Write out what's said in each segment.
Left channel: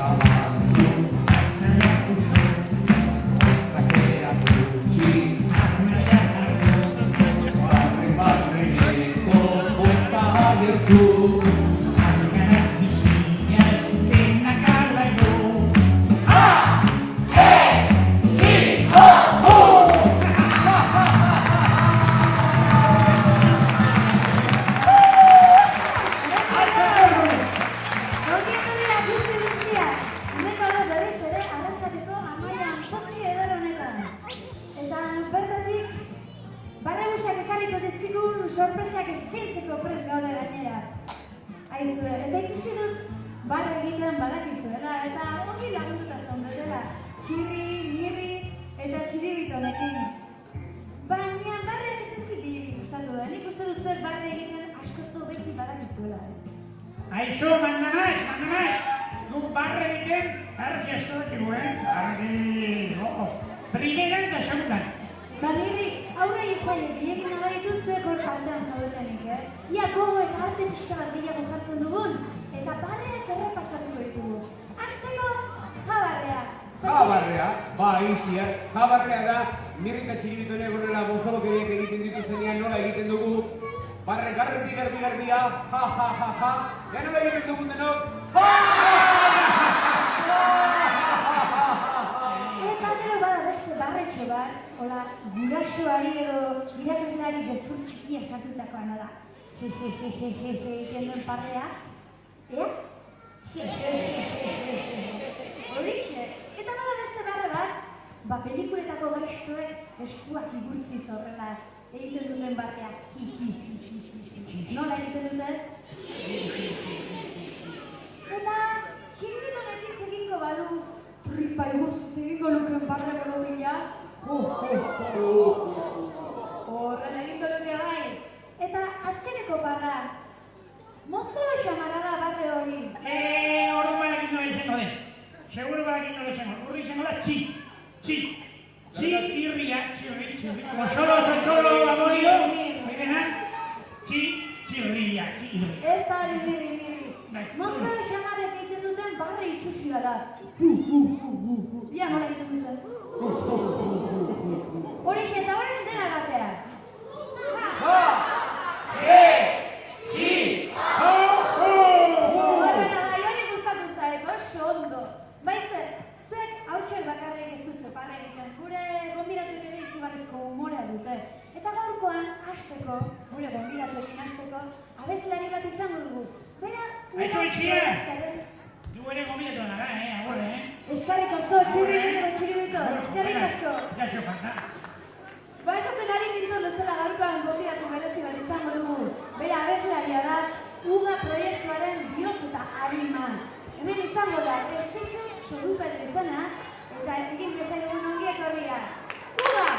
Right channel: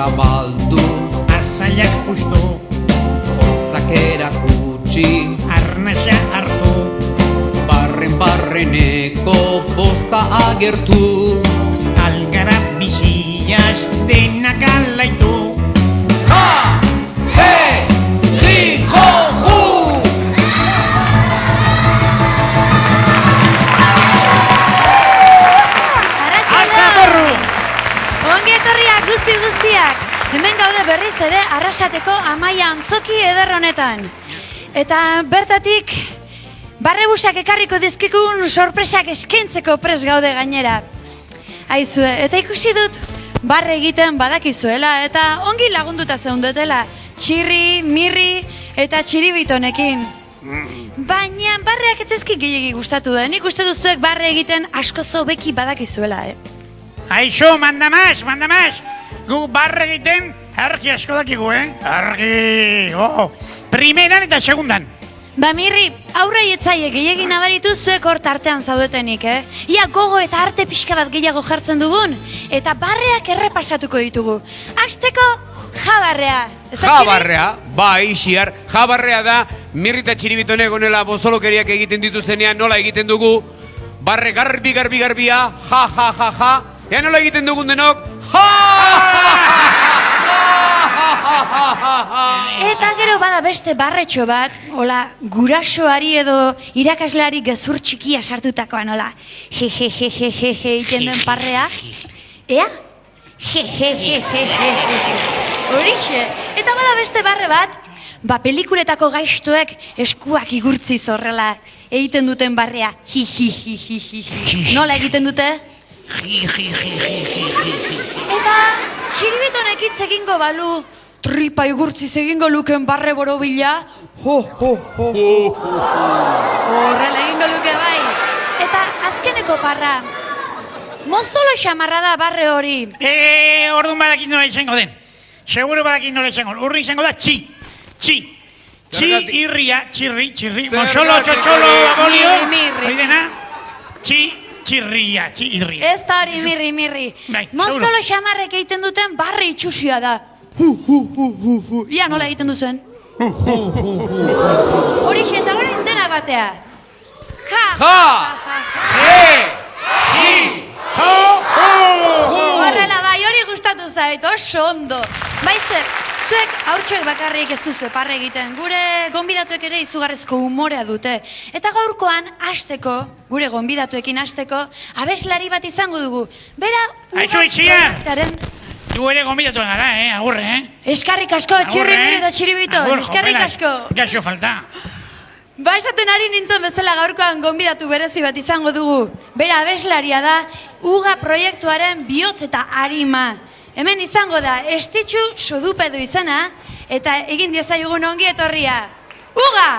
Zabaldu, azaiak puztu, hotzakera putxi, arnasa hartu, barreneko poza agertu, algara biziaz denak alaitu. Ha! He! Hi! Ho! Hu! Ongi etorriak guztiak! Hemen gaude berriz ere Arrasateko Amaia antzoki eder honetan. Eta bertatik barrebusak ekarriko dizkikun sorpresak eskaintzeko prest gaude gainera. Aizue, eta ikusi dut barre egiten badakizuela eta ongi lagunduta zeundetela txirri, mirri eta txiribitonekin. Baina barreak etzaizki gehiegi gustatu da. Nik uste duzuek barre egiten asko zobeki badakizuela, Aixo, mandamaz! Gu barre egiten argi asko dakigu, Argi, primeran eta segundan. Ba, Mirri, aurrei etzaie gehiegi nabaritu zuek hor tartean zaudetenik, Ia gogo eta arte pixka bat gehiago jartzen dugun, eta barreak errepasatuko ditugu. Hasteko, jabarrea. Jabarrea, bai, xiar, jabarrea da, Mirri eta txiribitone gonela bozolokeriak egiten dituztenean nola egiten dugu, barre garbia, ja, ea nola egiten dugun denok, Eta gero bada beste barretxo bat, hola, gurasoari edo irakasleari gezur txikia sartutakoan, hola, je, iten den parrea, ea? Je. Horixe, eta bada beste barre bat, ba pelikuletako gaiztuek eskuak igurtziz horrela egiten duten barrea, hi. Nola egiten dute? Eta txiribitonek hitz egingo balu, tripa igurtziz egingo luken barre borobila, horrela egingo luke bai. Eta azkeneko barra, mozolo xamarra da barre hori. Orduan badakit nola izango den. Seguro badakit nola izango den. Urri izango da txi. Irria, txirri, mozolo, txotxolo, abolio. Mirri. Txirria. Ez da hori mirri. Mozolo xamarrek egiten duten barre itxusia da. Ia nola egiten duzuen? Horixe eta hori dena batea. Horrela bai, hori gustatu zait, oso ondo. Baizer, zuek haurtxoek bakarrik ez duzu parre egiten, gure gonbidatuek ere izugarrezko umorea dute. Eta gaurkoan, gure gonbidatuekin hasteko, abeslari bat izango dugu. Bera, Aixo itxiar! Du ere gonbidatu gara, agurre, Eskarrik asko, txirri mire eta txiribito, eskarrik asko. Gaxo falta. Ba, esaten ari nintzen bezala gaurkoan gonbidatu berezi bat izango dugu. Bera abeslaria da, Uga proiektuaren bihotz eta arima. Hemen izango da, Estitxu Sodupedo izena, eta egin diezaiogun ongi etorria. Uga!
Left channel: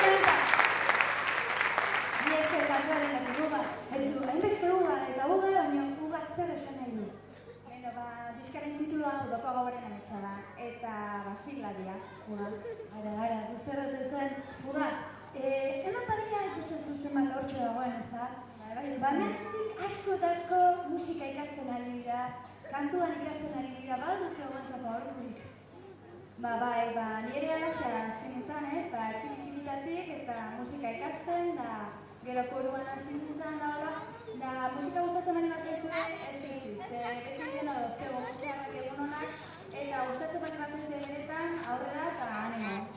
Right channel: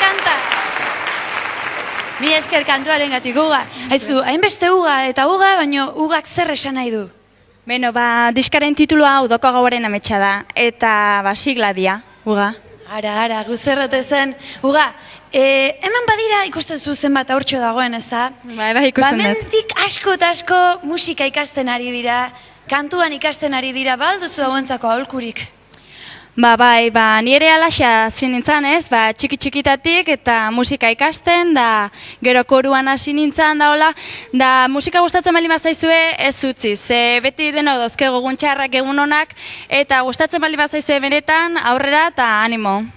kanta. Mi esker kantuaren gatik uga. Haizu, hainbeste uga eta uga, baina ugak zer esan nahi du? Beno, diskaren titulua Udoko Gauaren ametsa da, eta sigla dia, uga. Ara, guzerrote zen. Uga, hemen badira ikusten zuzen bat aurtxo dagoen, ez da? Bai, ikusten dut. Bamentik asko eta asko musika ikasten ari dira, kantuan ikasten ari dira, balduzu hauentzako aholkurik. Bai, ni ere alaxa zinintzan ez, txiki-txikitatik eta musika ikasten, da gero koruan hasi nintzen da hola, da musika gustatzen bali bazaizue ez utzi, ze beti dena dauzke gogun txarrak egun honak, eta gustatzen bali bazaizue benetan aurrera eta animo.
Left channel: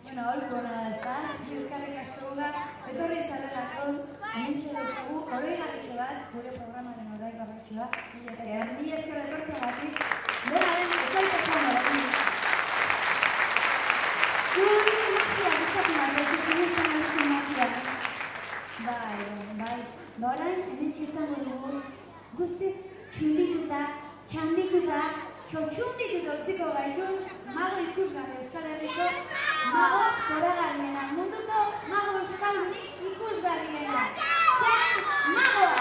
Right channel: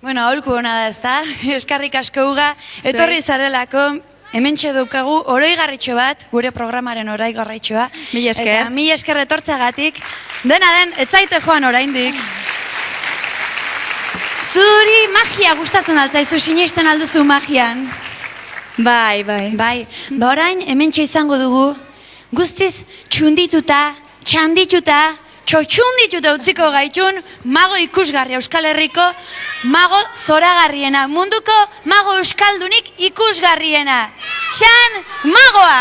Bueno, aholku hona da ez da, eskarrik asko uga, etorri zarelako, hementxe daukagu oroigarritxo bat, gure programaren oroigarritxoa. Mila esker. Eta mila esker etortzagatik, dena den, ez zaite joan oraindik. Zuri magia gustatzen altzaizu, sinesten alduzu magian. Bai. Orain, hementxe izango dugu, guztiz txundituta, txandituta, txotxundituta utziko gaitun, mago ikusgarri Euskal Herriko, mago zoragarriena, munduko mago euskaldunik ikusgarriena. Txan magoa!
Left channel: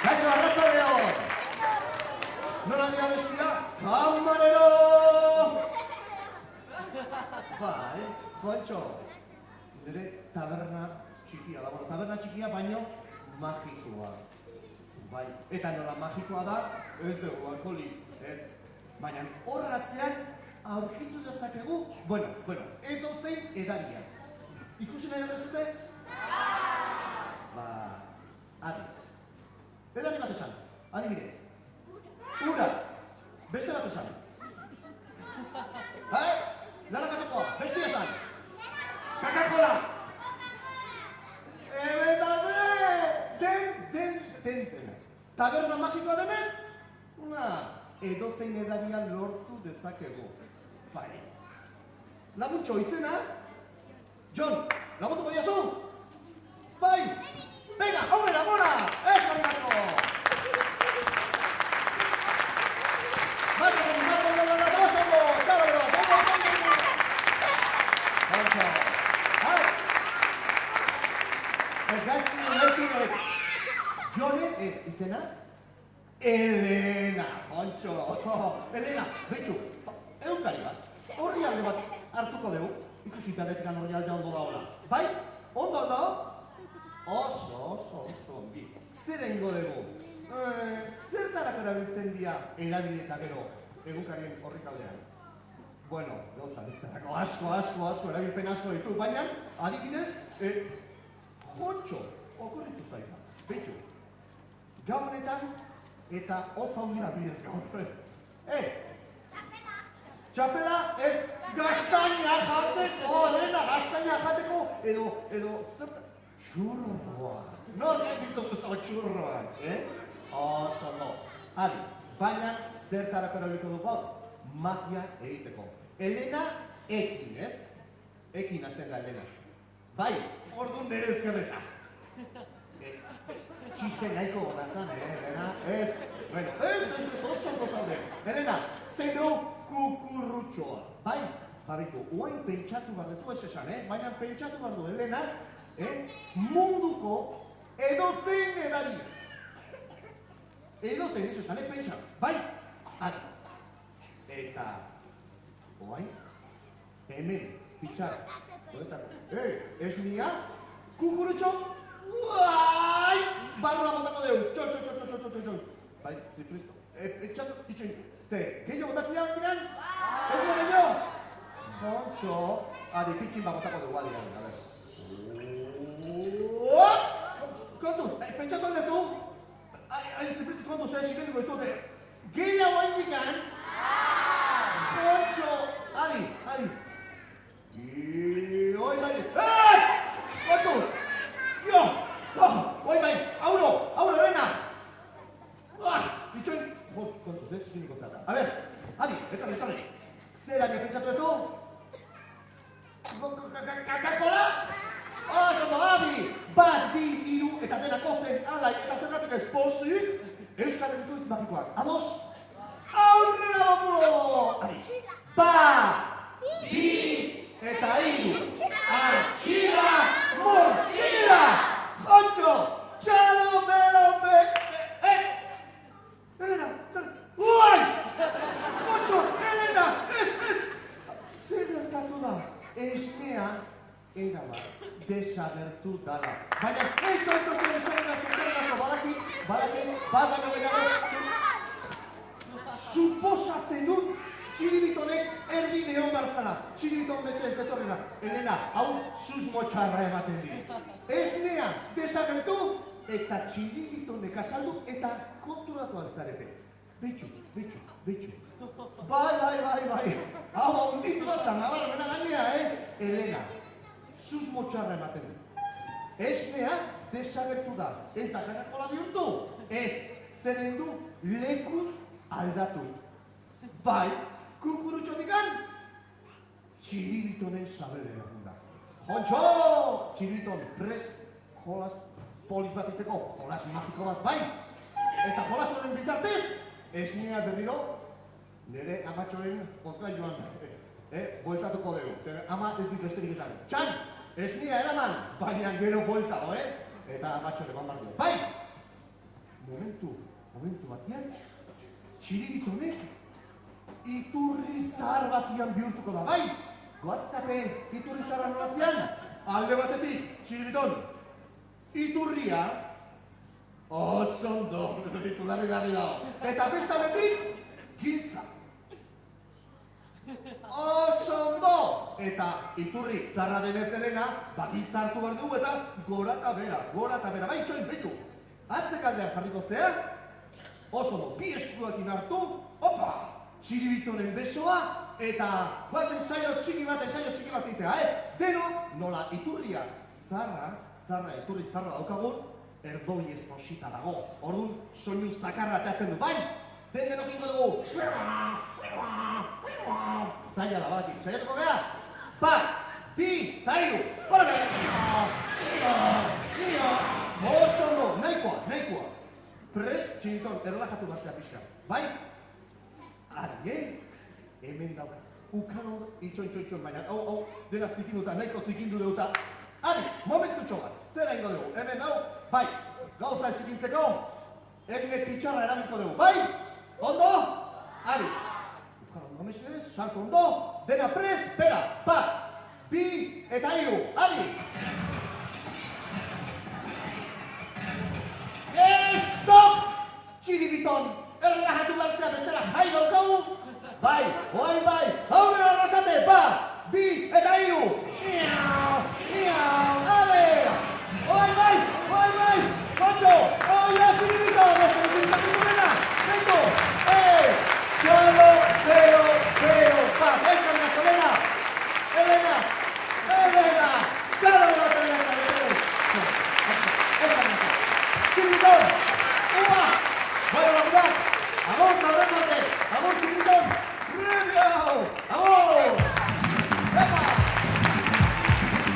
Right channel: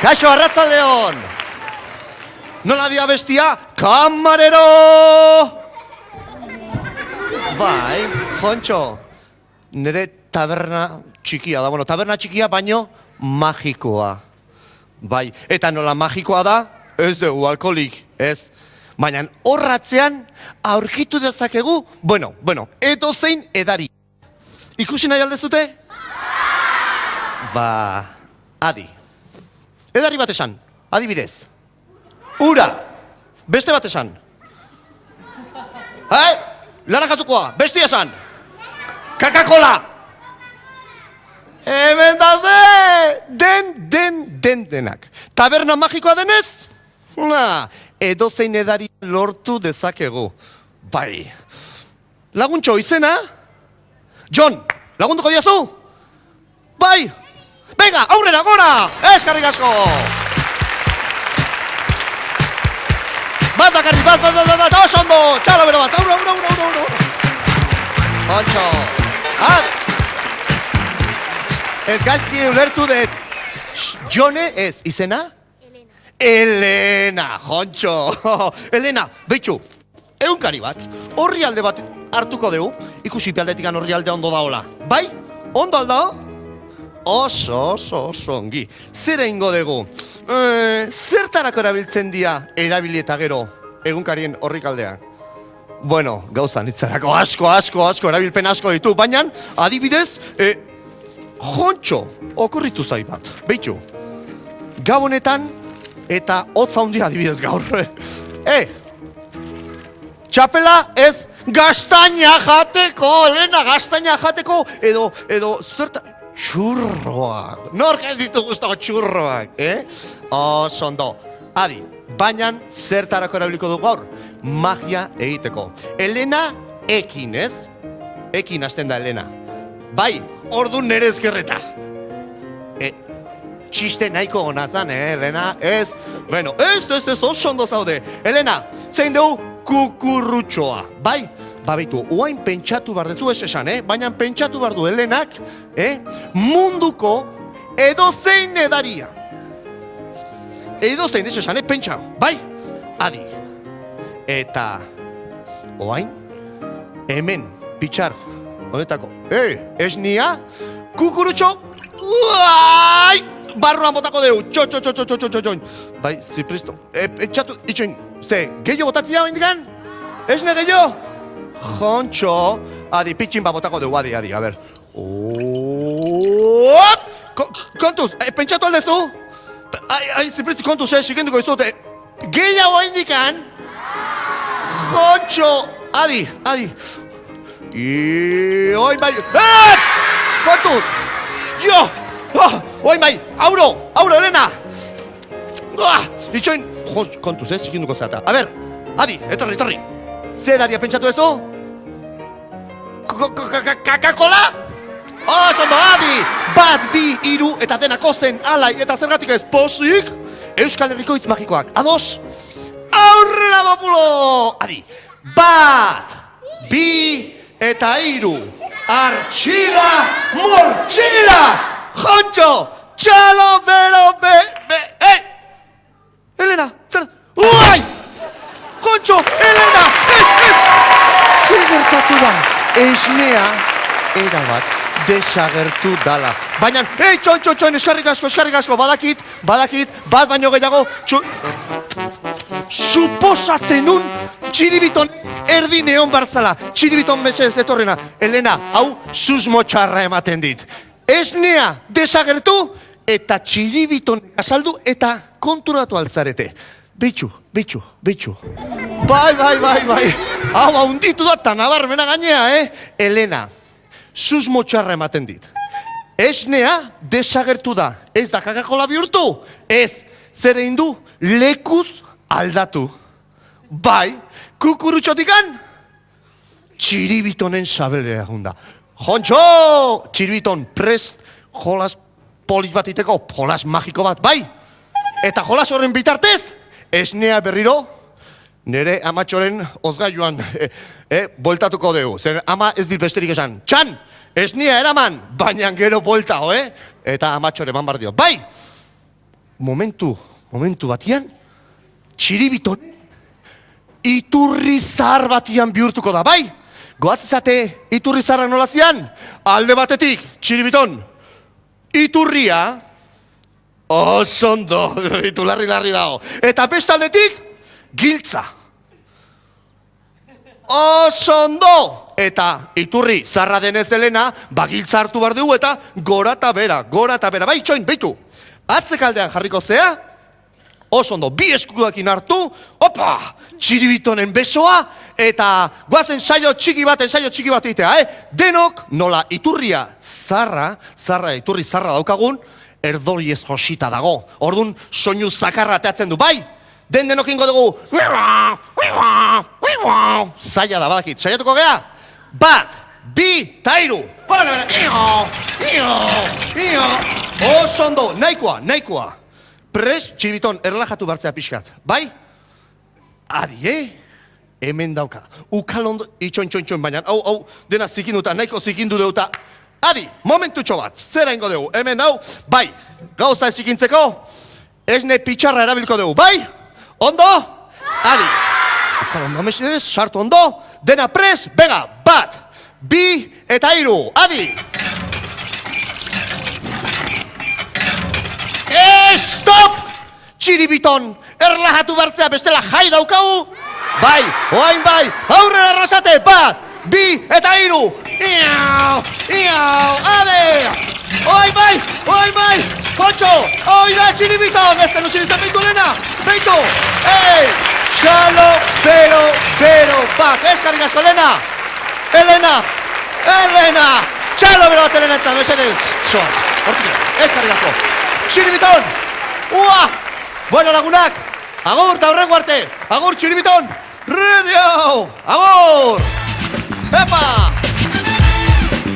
Kaixo, arratzaldeon! Nola dia bestia? Kamarero! Bai, Jontxo, nire taberna txikia da. Bueno, taberna txikia baino magikoa. Bai, eta nola magikoa da? Ez dugu alkoholik, ez. Baina horratzean aurkitu dezakegu, bueno, edozein edari. Ikusi nahi aldezute? Adi. Edari bat esan, adibidez. Ura, beste bat esan. Larakatzukoa, beste esan. Coca-Cola. Hemen daude, denak. Taberna magikoa denez? Edozein edari lortu dezakegu. Bai. Laguntxo, izena? John, lagunduko diazu? Bai. Venga, aurrera, gora! Eskarrik asko! Bat, oso ondo! Txalo bero bat, aurro! Jontxo! Ez gaizki ulertu dut. Jone ez, izena? Elena, Jontxo! Elena, behitxu, egunkari bat, horri alde bat hartuko dugu, ikusi pialdetikan horri alde ondo daola. Bai? Ondo aldao? Oso ongi. Zer egingo dugu? Zertarako erabiltzen dira erabili eta gero egunkarien horrik aldea? Bueno, gauza nitzarako asko erabilpen asko ditu, baina adibidez, Jontxo, okurritu zai bat. Beitxu, gau honetan eta hotza handia adibidez gaur. Txapela ez gaztaina jateko, Elena, gaztaina jateko, edo zerta... Txurroak. Nork ez ditu guztako txurroak, Oso ondo. Adi, baina zertarako erabiliko dugu gaur? Magia egiteko. Elena ekin, ez? Ekin hasten da Elena. Bai, ordu nere ezkerreta. Txiste nahiko honazan, Elena? Ez? Bueno, ez, oso ondo zaude. Elena, zein dugu kukurrutxoa. Bai? Baitu, oain pentsatu behar dezu ez esan, baina pentsatu behar du Helenak, munduko edozein edaria. Edozein ez esan, pentsa, bai? Adi. Eta, oain, hemen, pitxar, honetako, esnia, kukurutxo, barruan botako deu, txo. Bai, zipristo, etxatu, itxoin, ze, gehiago botatzia bendikan? Esne gehiago? Jontxo, adi, pitxin bat botako dugu, adi, a ber. Kontuz, pentsatu aldezu? Zipristi, kontuz, sikenduko izute. Gehiago indikan? Jontxo, adi. Oi bai, kontuz! Jo! Oi bai, auro, Elena! Itxoin, kontuz, sikenduko zeata. A ber, adi, etorri. Zeraria pentsatu ezo? Coca-Cola? Oso ondo, adi! Bat, bi, hiru, eta denako zen alai, eta zergatik ez posik? Euskal Herriko hitz magikoak. Ados? Aurrera populo! Adi, 1, 2 eta 3. Artxila, mortxila! Jontxo, txalo, bero, Elena, zer? Uai! Jontxo, Elena! Zer gertatu da? Esnea, erabat, desagertu dala. Baina, txon, eskarrik asko, badakit, bat baino gehiago, suposatzen nun, txiribiton erdi neon barzala, txiribiton mesedez etorrena. Elena, hau susmo txarra ematen dit. Esnea desagertu eta txiribiton azaldu eta konturatu altzarete. Beitxu. Bai. Hau, haunditu da eta nabarmena gainea, Elena, susmo txarra ematen dit. Esnea desagertu da. Ez da kakakola bihurtu. Ez, zer egin du lekuz aldatu. Bai, kukurutxotikan, txiribitonen sabelea junda. Jontxo, txiribiton prest jolas polit bat iteko, jolas magiko bat, bai? Eta jolas horren bitartez, esnea berriro, nire amatxoren ozgailuan boltatuko dugu. Zer ama ez dit besterik esan. Txan, esnea eraman, baina gero bolta, Eta amatxore eman bardio. Bai, momentu batian, txiribiton iturri zahar batian bihurtuko da, bai? Goatzizate iturri zaharra nolazian? Alde batetik, txiribiton, iturria, osondo, itu larri dago. Eta bestaldetik, giltza. Osondo! Eta iturri zarra denez delena, giltza hartu behar dugu eta gora eta bera. Bai, txoin, beitu. Atzekaldean jarriko zea, osondo, bi eskuakin hartu, opa, txiribitonen besoa, eta guazen saio txiki bat itea, Denok, nola iturria iturri zarra daukagun, erdori ez josita dago. Orduan, soinu zakarra ateatzen du, bai? Denok ingo dugu, zaila da, badakit, saiatuko gea? 1, 2, 3, bora da bera, osondo, nahikoa. Prest, txiribiton, erlajatu bartzea pixkat, bai? Adi, hemen dauka. Ukalondo, itxoin, baina, hau, dena zikinduta, nahiko zikindu deuta. Adi, momentutxo bat, zera ingo dugu, hemen hau, bai, gauza ez zikintzeko, esne pitxarra erabilko dugu, bai? Ondo? Adi. Ukalondo, mesedez, sartu ondo, dena prest, bega, 1, 2 eta 3, adi! Stop! Txiribiton, erlajatu bartzea bestela jai daukagu? Bai, oain bai, aurrera arrasate, 1, 2 eta 3! Iau, ade! Oain bai, kontxo, oi da txiribiton, ez zenu txiribiton bintu lena, beitu! Txalo, bero, bat, eskarrik asko, Elena, txalo bero bat, Elena, eta mesedez, soaz, hortik, eskarrik asko. Txiribiton! Ua! Bueno, lagunak! Agur, eta horrengo arte! Agur, txiribiton! Agur! Epa!